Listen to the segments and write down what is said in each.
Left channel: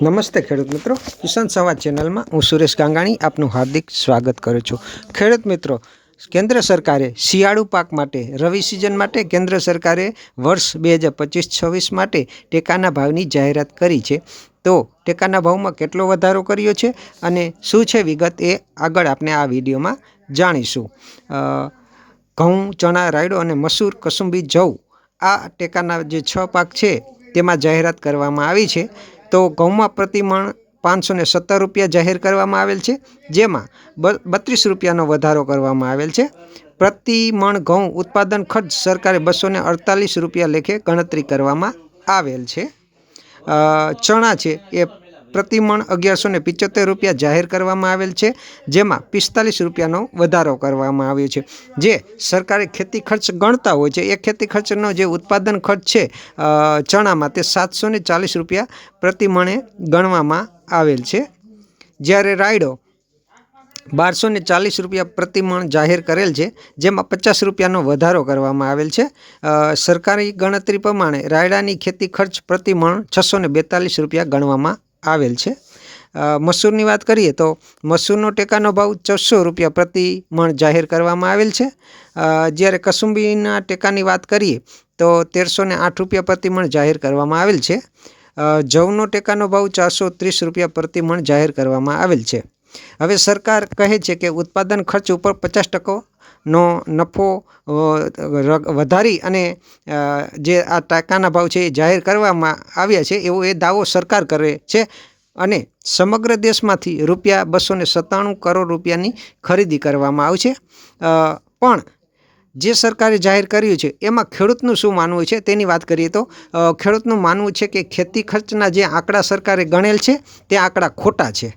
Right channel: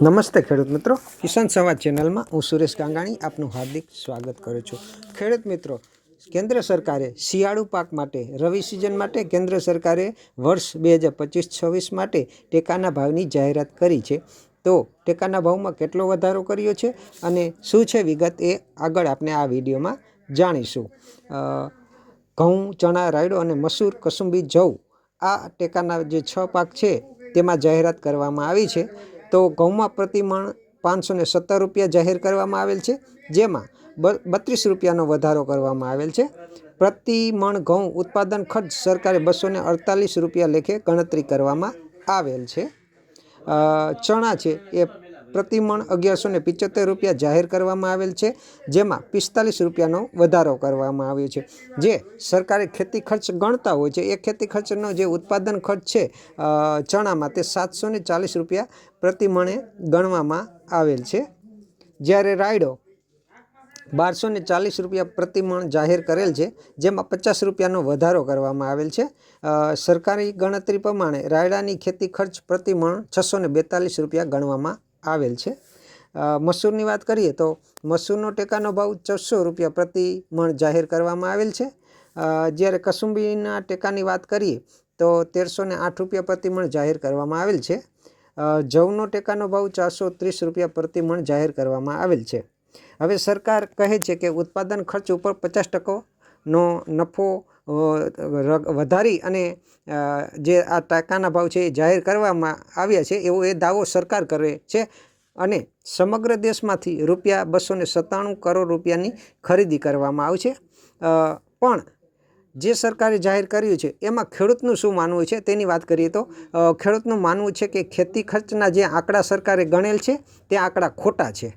નમસ્તે ખેડૂત મિત્રો. કિસાન સંવાદ ચેનલમાં હું સુરેશ ગાંગાણી આપનું હાર્દિક સ્વાગત કરું છું. ખેડૂત મિત્રો, કેન્દ્ર સરકારે શિયાળુ પાક માટે રવિ સિઝન માટે કેન્દ્ર સરકારે વર્ષ બે હજાર પચીસ છવ્વીસ માટે ટેકાના ભાવની જાહેરાત કરી છે. તો ટેકાના ભાવમાં કેટલો વધારો કર્યો છે અને શું છે વિગત એ આગળ આપણે આ વિડીયોમાં જાણીશું. ઘઉં, ચણા, રાયડો અને મસૂર, કસુંબી, જવ આ ટેકાના જે છ પાક છે તેમાં જાહેરાત કરવામાં આવી છે. તો ઘઉંમાં પ્રતિમણ પાંચસો ને સત્તર રૂપિયા જાહેર કરવામાં આવેલ છે. જેમાં બત્રીસ રૂપિયાનો વધારો કરવામાં આવેલ છે. પ્રતિ મણ ઘઉં ઉત્પાદન ખર્ચ સરકારે બસો ને અડતાલીસ રૂપિયા લેખે ગણતરી કરવામાં આવેલ છે. ચણા છે એ પ્રતિમણ અગિયારસો ને પિચોતેર રૂપિયા જાહેર કરવામાં આવેલ છે, જેમાં પિસ્તાલીસ રૂપિયાનો વધારો કરવામાં આવ્યો છે. જે સરકારે ખેતી ખર્ચ ગણતા હોય છે, એ ખેતી ખર્ચનો જે ઉત્પાદન ખર્ચ છે ચણામાં તે સાતસો ને ચાલીસ રૂપિયા પ્રતિમણે ગણવામાં આવેલ છે. જ્યારે રાયડો બારસો ને ચાલીસ રૂપિયા પ્રતિમણ જાહેર કરેલ છે, જેમાં પચાસ રૂપિયાનો વધારો કરવામાં આવેલ છે. સરકારી ગણતરી પ્રમાણે રાયડાની ખેતી ખર્ચ પ્રતિમણ છસો ને બેતાલીસ રૂપિયા ગણવામાં આવેલ છે. મસૂરની વાત કરીએ તો મસૂરનો ટેકાનો ભાવ ચૌદસો રૂપિયા પ્રતિ મણ જાહેર કરવામાં આવેલ છે. જ્યારે કસુંબીના ટેકાની વાત કરીએ તો તેરસો ને આઠ રૂપિયા પ્રતિ મણ જાહેર કરવામાં આવેલ છે. જવનો ટેકાનો ભાવ ચારસો ત્રીસ રૂપિયા પ્રતિ મણ જાહેર કરવામાં આવેલ છે. હવે સરકાર કહે છે કે ઉત્પાદન ખર્ચ ઉપર પચાસ ટકાનો નફો વધારી અને જે આ ટાકાના ભાવ છે એ જાહેર કરવામાં આવ્યા છે, એવો એ દાવો સરકાર કરે છે અને સમગ્ર દેશમાંથી રૂપિયા બસો ને સત્તાણું કરોડ રૂપિયાની ખરીદી કરવામાં આવશે પણ જે સરકારે જાહેર કર્યું છે, એમાં ખેડૂતનું શું માનવું છે તેની વાત કરીએ તો ખેડૂતનું માનવું છે કે ખેતી ખર્ચના જે આંકડા સરકારે ગણેલ છે, તે આંકડા ખોટા છે.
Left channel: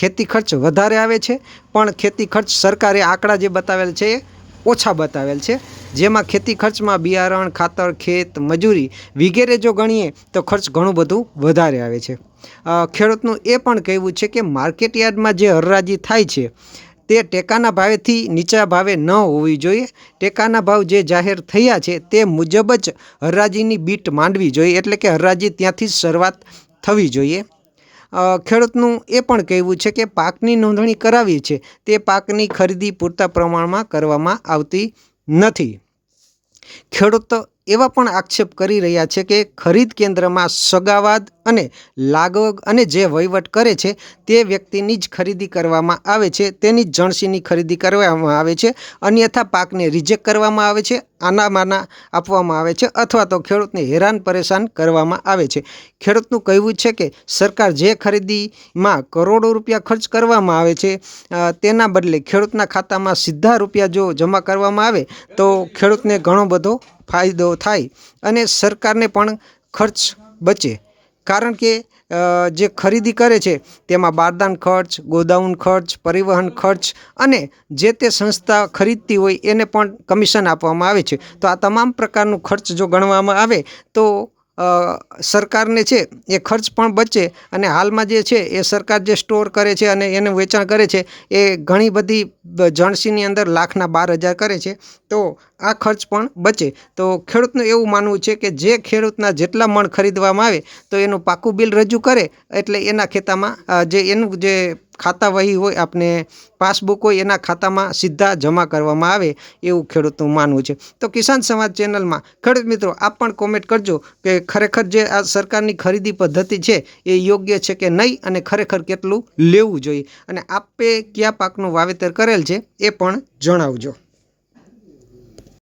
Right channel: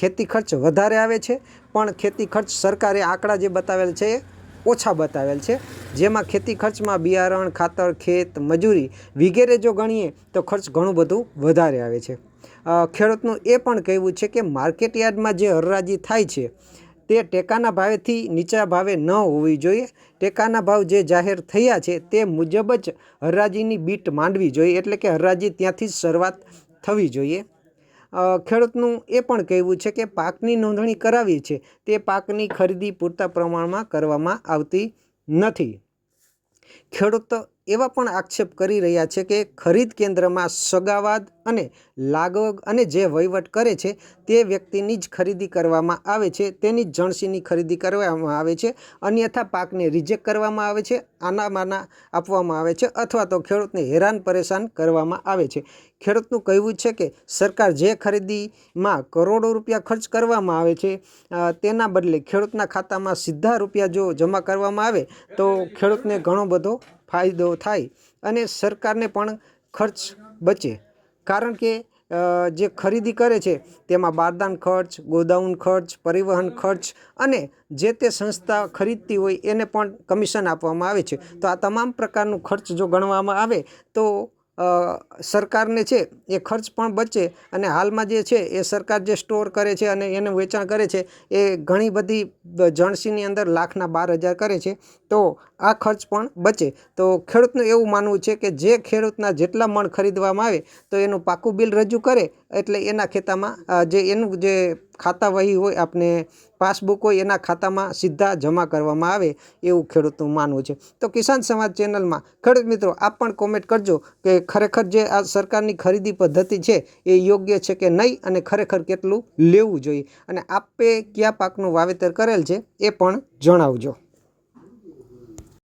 ખેતી ખર્ચ વધારે આવે છે, પણ ખેતી ખર્ચ સરકારે આંકડા જે બતાવેલ છે એ ઓછા બતાવેલ છે. જેમાં ખેતી ખર્ચમાં બિયારણ, ખાતર, ખેત, મજૂરી વગેરે જો ગણીએ તો ખર્ચ ઘણું બધું વધારે આવે છે. ખેડૂતનું એ પણ કહેવું છે કે માર્કેટ યાર્ડમાં જે હરરાજી થાય છે, તે ટેકાના ભાવેથી નીચા ભાવે ન હોવી જોઈએ. ટેકાના ભાવ જે જાહેર થયા છે, તે મુજબ જ હરરાજીની બીટ માંડવી જોઈએ. એટલે કે હરરાજી ત્યાંથી જ શરૂઆત થવી જોઈએ. ખેડૂતનું એ પણ કહેવું છે કે પાકની નોંધણી કરાવી છે. તે પાકની ખરીદી પૂરતા પ્રમાણમાં કરવામાં આવતી નથી. ખેડૂતો એવા પણ આક્ષેપ કરી રહ્યા છે કે ખરીદ કેન્દ્રમાં સગાવાદ અને લાગવગ અને જે વહીવટ કરે છે તે વ્યક્તિની જ ખરીદી કરવામાં આવે છે, તેની જ જણસીની ખરીદી કરવામાં આવે છે, અન્યથા પાકને રિજેક્ટ કરવામાં આવે છે, આનામાના આપવામાં આવે છે અથવા તો ખેડૂતને હેરાન પરેશાન કરવામાં આવે છે. ખેડૂતનું કહેવું છે કે સરકાર જે ખરીદીમાં કરોડો રૂપિયા ખર્ચ કરવામાં આવે છે તેના બદલે ખેડૂતના ખાતામાં સીધા રૂપિયા જો જમા કરવામાં આવે તો ખેડૂતને ઘણો બધો ફાયદો થાય અને સરકારને પણ ખર્ચ બચે. કારણ કે જે ખરીદી કરે છે, તેમાં બારદાન ખર્ચ ગોદાઉન ખર્ચ, પરિવહન ખર્ચ અને જે તે સંસ્થા ખરીદતી હોય એને પણ કમિશન આપવામાં આવે છે. તો આ તમામ પ્રકારનું ખર્ચ જો ગણવામાં આવે તો સરકારને છે, એ ખર્ચ પણ બચે અને હાલમાં જે છે, એ સરકાર જે સ્ટોર કરે છે અને એનું વેચાણ કરે છે, એ ઘણી બધી જણસીની અંદર લાખના બાર હજાર કરે છે, તો આ ખર્ચ પણ બચે. તો ખેડૂતનું એવું માનવું છે કે જે ખેડૂતના જેટલા મણ ખરીદવામાં આવે, તો એનું પાકું બિલ રજૂ કરે, એટલે એના ખેતામાં જે એનું જે ખાતા વહી હોય આપણે પાસબુક હોય, એના ખાતામાં સીધા જમા કરવામાં આવે એવું ખેડૂતનું માનવું છે. તો કિસાન સમાજ ચેનલમાં ખેડૂત મિત્રો, આપ પણ કોમેન્ટ કરજો કે ખરેખર જે આ સરકારની ખરીદી પદ્ધતિ છે, એ યોગ્ય છે કે નહીં અને ખરેખર કેટલું લેવું જોઈએ. અને આપે કયા પાકનું વાવેતર કરેલ છે, એ પણ જણાવજો.